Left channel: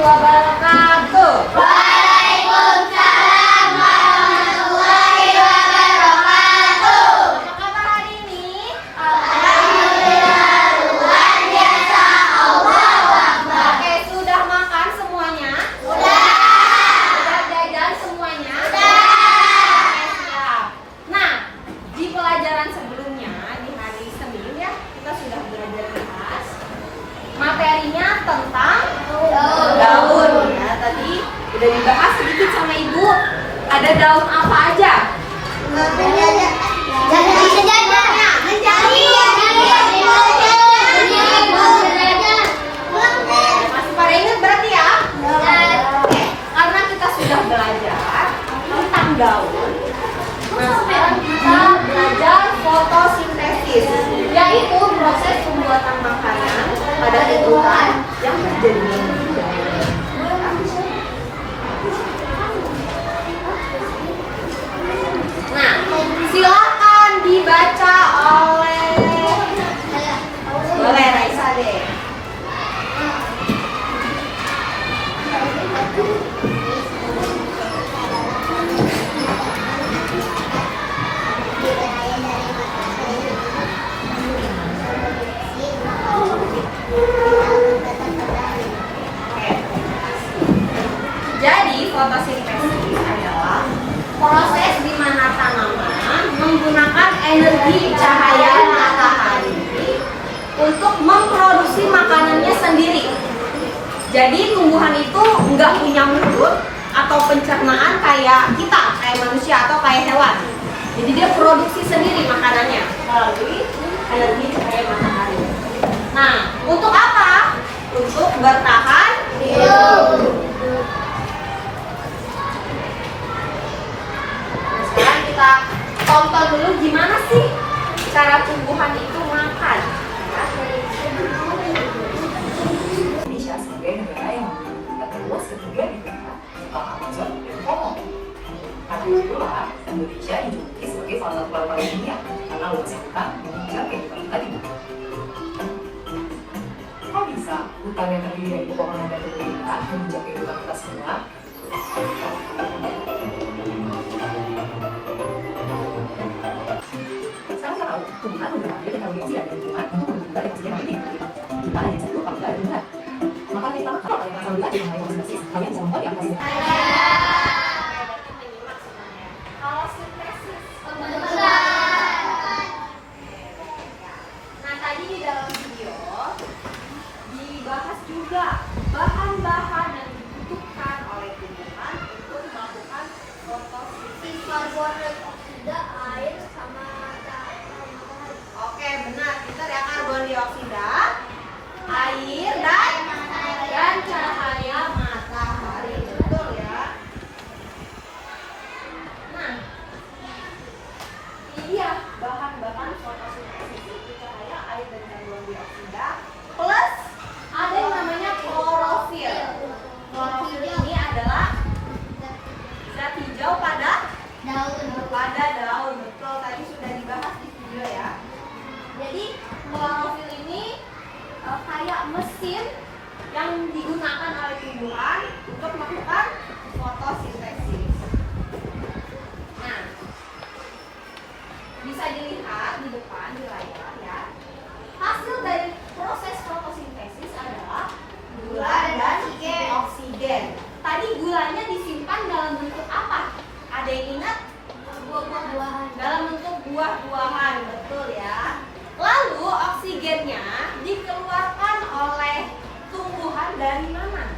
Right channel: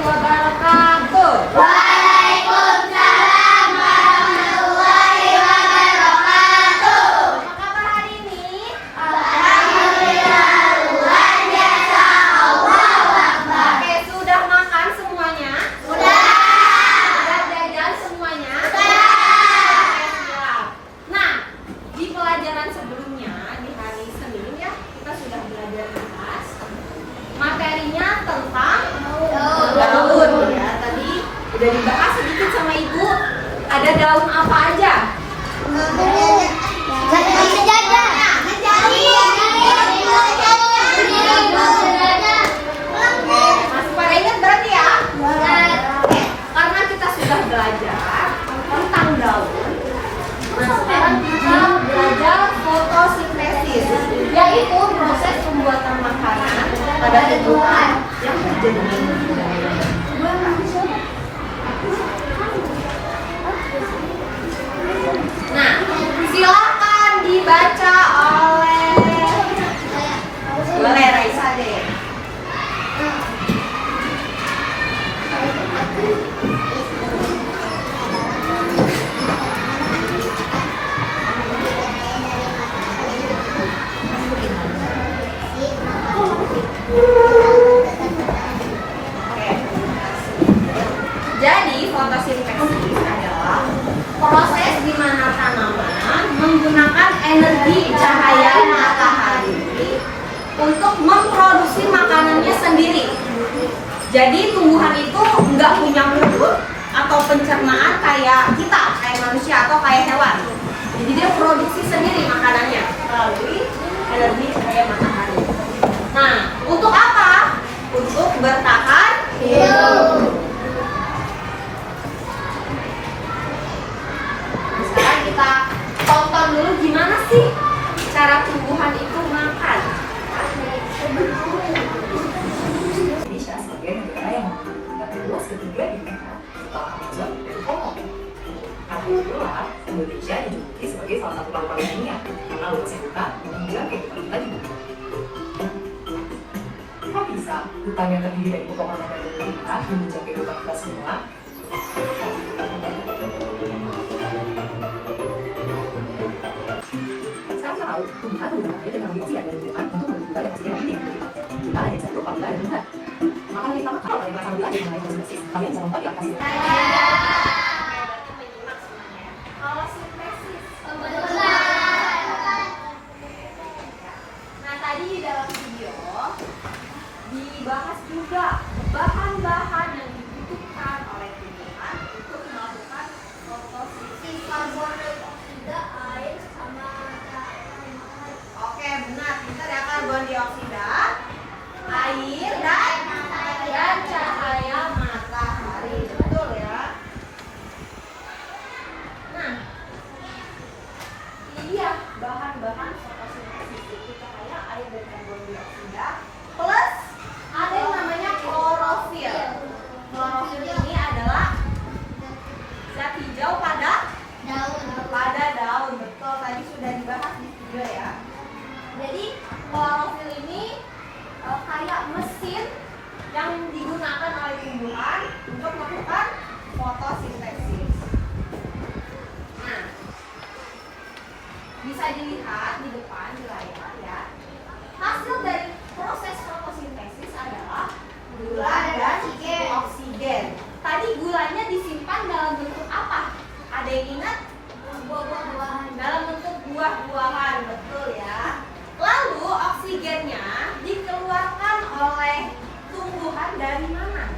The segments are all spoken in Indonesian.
wabarakatuh. Waalaikumsalam warahmatullahi wabarakatuh. Apa kabar hari ini? Alhamdulillah, luar biasa. Allahu Akbar. Oke, sudah makan semuanya? Sudah. Sudah jajan semuanya? Sudah. Oke, siap. Nah, di pelajaran sebelumnya di hari Senin ya, kita sudah belajar bahas materinya tentang daun. Ya, tadi udah dibahas sedikit sama Ibu. Ada daun apa aja? Masih pada ingat berarti ya? Oke, karena kita sudah belajar tentang daun. Nah, sekarang kita belajar fotosintesis, yaitu proses pembuatan makanan pada tumbuhan yang terjadi di daun. Nah, silakan dibaca oleh Raisa deh. Jadi fotosintesis adalah proses di mana tanaman menggunakan energi cahaya matahari untuk memproduksi makanannya sendiri. Jadi tumbuhan itu nggak punya mulut atau pencernaan kayak kita, kayak manusia atau kayak hewan. Jadi dia produksi sendiri makanannya melalui energi cahaya matahari. Nah, untuk apa? Untuk bertahan hidup. Sekarang kita tonton dulu gimana sih cara tumbuhan itu makan. Indonesia sebagai negara yang terluas ketiga di dunia setelah Asia dan Kongo. Karena itulah Indonesia dijuluki sebagai salah satu paru-paru dunia karena luasnya hutan menunjang kehidupan kita di bumi. Kok bisa hutan yang terdiri dari pepohonan dan tumbuhan menunjang kehidupan kita semua? Sekarang tahu tumbuhan yang terintegrasi dari lingkungan untuk menunjang ekosistem yang hidup. Jika ada yang satu apabila ada tumbuhan, maka lebih lama kalau kalian merasa lebih dengan sintesis, kalian bisa membuat yang hasil. Berarti menyimak semuanya. Kalau sintesis Nah, tadi di dalam video dibahas juga bahan-bahan yang dibutuhkan oleh tumbuhan untuk melakukan fotosintesis. Air sama Oke, benar. Kita ada karbon dioksida, air, dan cahaya matahari. Betul ya. Nah, ini dia bahan-bahan fotosintesis itu cahaya, air, dan karbon dioksida. Plus ada yang namanya klorofil. Klorofil ini adalah zat hijau pada daun. Betul, tadi sudah dibahas di video ya. Jadi klorofil ini kayak mesin yang digunakan oleh tumbuhan untuk melakukan fotosintesis. Nah, bisa dilihat di depan di layar ya. Hasil dari proses fotosintesis adalah gula dan oksigen. Tadi gulanya disimpan dalam bentuk apa? Ada yang ingat? buah-buahan. Dalam bentuk buah-buahan, betul ya. Lalu oksigennya dikeluarkan oleh tumbuhan dari mana?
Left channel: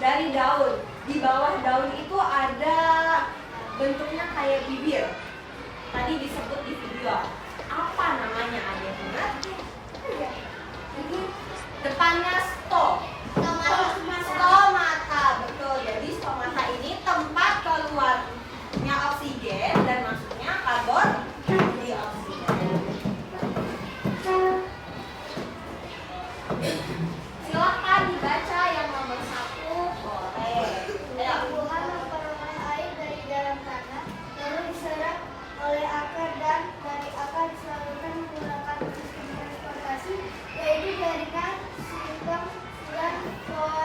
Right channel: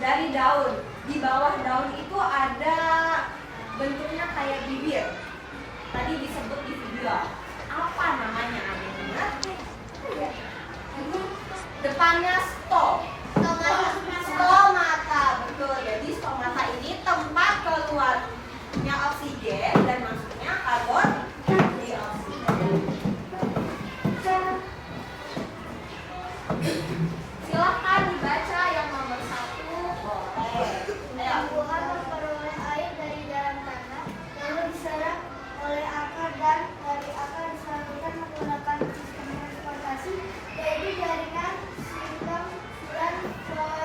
Dari daun. Di bawah daun itu ada bentuknya kayak bibir. Tadi disebut di video. Apa namanya? Ada yang ingat? Depannya stomata, betul. Jadi stomata ini tempat keluarnya oksigen dan masuknya karbon dioksida. Silakan dibaca yang nomor 1. Boleh. Ayo. Tumbuhan memperoleh air dari dalam tanah, lalu diserap oleh akar dan dari akar disalurkan menggunakan sistem transportasi, yaitu jaringan, sindang, dan floa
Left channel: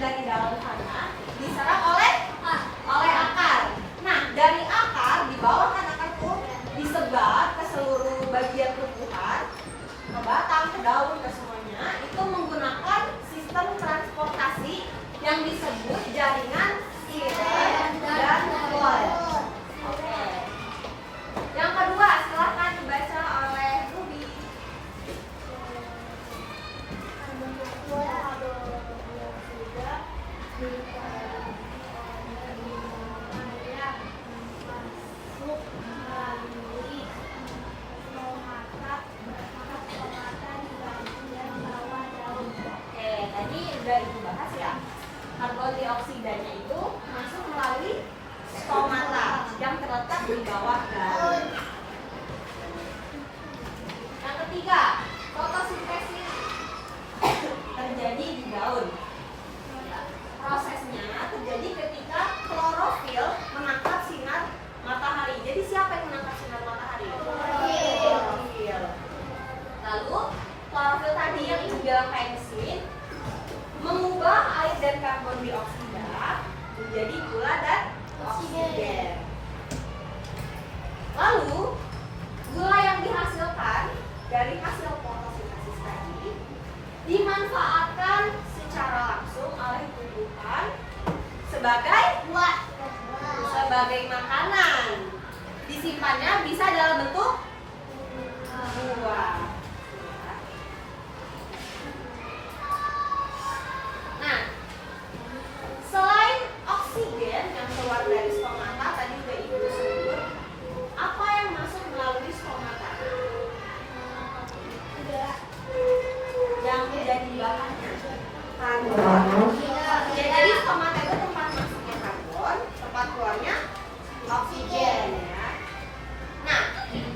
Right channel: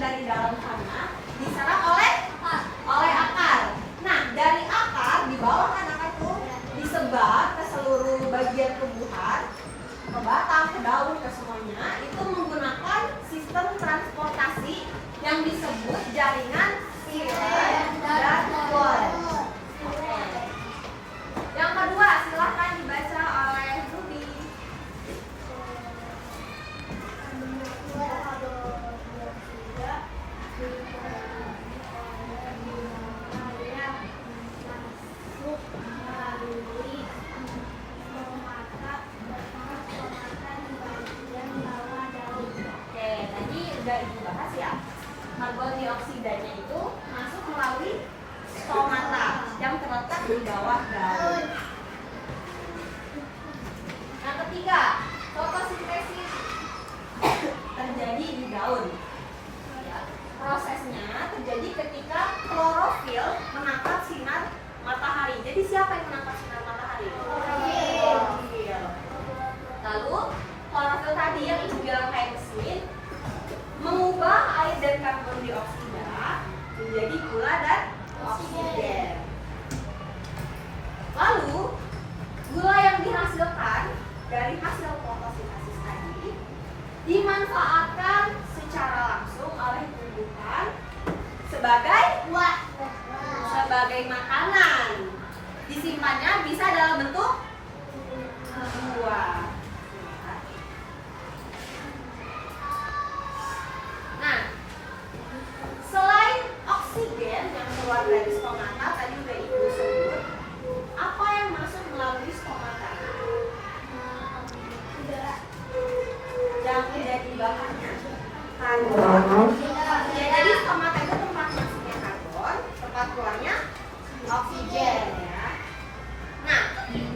dari dalam tanah diserap oleh akar. Nah, dari akar di bawah kan akar tuh disebar ke seluruh bagian tumbuhan, ke batang, ke daun, ke semuanya. Itu menggunakan sistem transportasi yang disebut jaringan xilem dan floem. Oke. Yang kedua, silahkan dibaca oleh Ruby. Oke, tadi udah Ibu bahas ya. Karbon dioksidanya itu masuk melalui stomata yang terletak di bawah daun. Yang ketiga, fotosintesis terjadi di daun. Prosesnya terjadi ketika klorofil menangkap sinar matahari. Jadi siapa yang menangkap sinar matahari? Klorofil. Lalu klorofil tadi yang Ibu bilang kayak di sini mengubah air dan karbon dioksida menjadi gula dan oksigen. Lalu gula yang dihasilkan dari hasil fotosintesis tadi dimanfaatkan secara langsung oleh tumbuhan sebagai makanan. Disimpannya bisa dalam bentuk buah. Nah, selain oksigen yang keluar dari stomata tadi udah Ibu sebut, apa yang masuk melalui stomata? Yang menjadi bahannya karbon. Ya, jadi stomata itu tempat masuknya karbon, tempat keluarnya oksigen ya. Nah,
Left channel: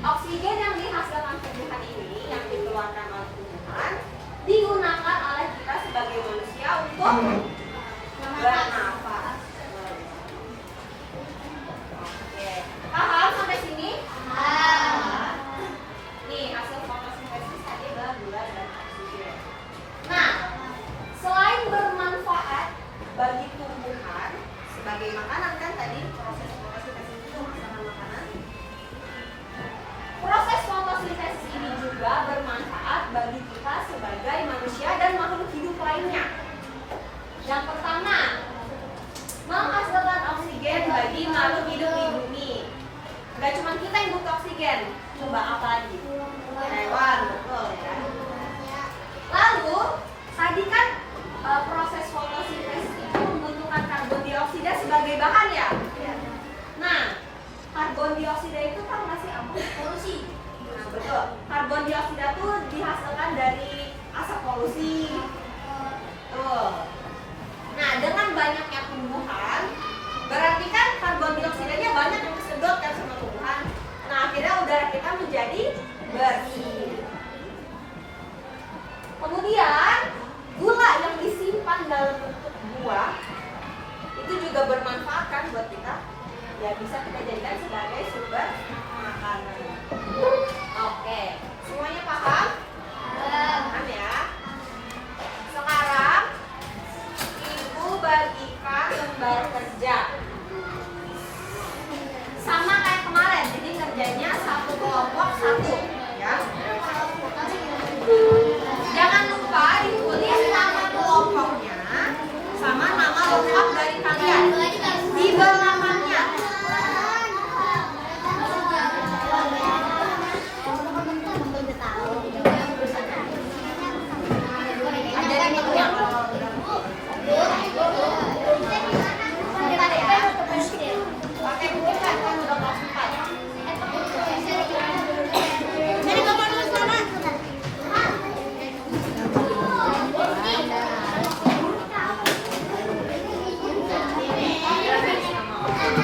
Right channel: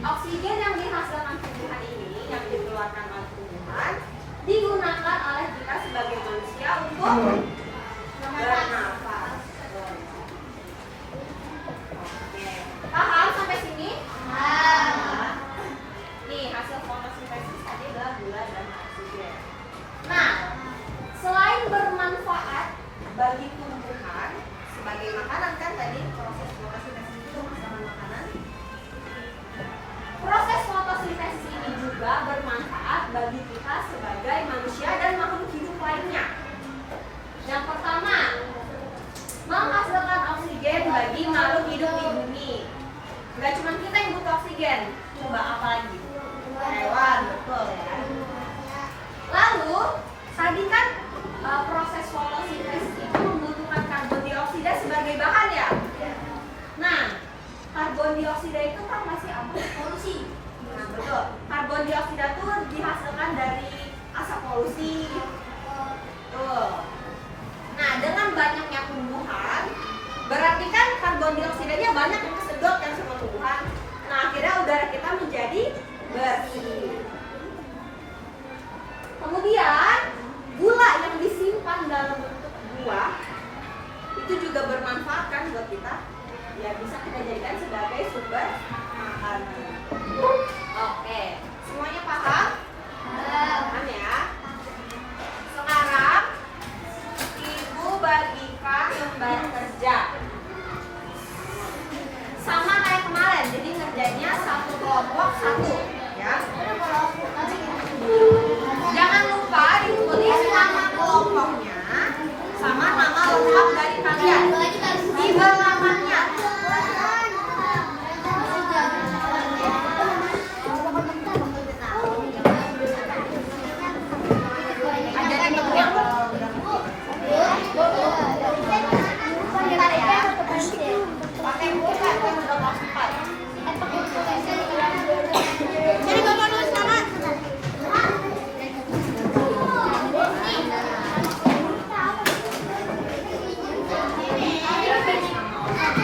oksigen yang dihasilkan tumbuhan ini, yang dikeluarkan oleh tumbuhan, digunakan oleh kita sebagai manusia untuk bernafas. Oke, paham sampai sini? Nih, hasil fotosintesis tadi adalah gula dan oksigen. Nah, selain bermanfaat bagi tumbuhan sebagai makanan, kan tadi proses fotosintesis itu menghasilkan makanan. Proses fotosintesis ini juga bermanfaat bagi kita sebagai manusia dan makhluk hidup lainnya. Yang pertama, menghasilkan oksigen bagi makhluk hidup di bumi. Enggak cuma kita yang butuh oksigen, coba apa lagi? Hewan, betul ya. Lalu, tadi kan proses fotosintesis itu membutuhkan karbon dioksida sebagai bahan ya. Nah, karbon dioksida itu kan masih apa? Polusi. Nah, betul. Karbon dioksida itu dihasilkan dari asap polusi. Tuh. Nah, dengan banyaknya tumbuhan, berarti kan karbon dioksidanya banyak yang kesedot kan sama tumbuhan. Nah, akhirnya udara kita menjadi bersih. Kemudian, gula yang disimpan dalam bentuk buah itu juga bermanfaat kan buat kita. Ya, bisa kita jadikan sebagai sumber makanan. Oke, semuanya paham? Paham ya? Sekarang Ibu bagikan lembar kerja sama kayak kemarin, jadi ngerjainnya satu kelompok satu ya. Jangan lupa ditulis nama kelompoknya sama nama lengkap dari kalian di belakangnya. Ajarin temennya kalau udah ngerti. Bentar ya. Pakai buku kan udah kelas 4. Jadi kamu dulu sana. Ini.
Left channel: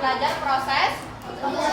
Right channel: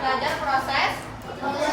belajar proses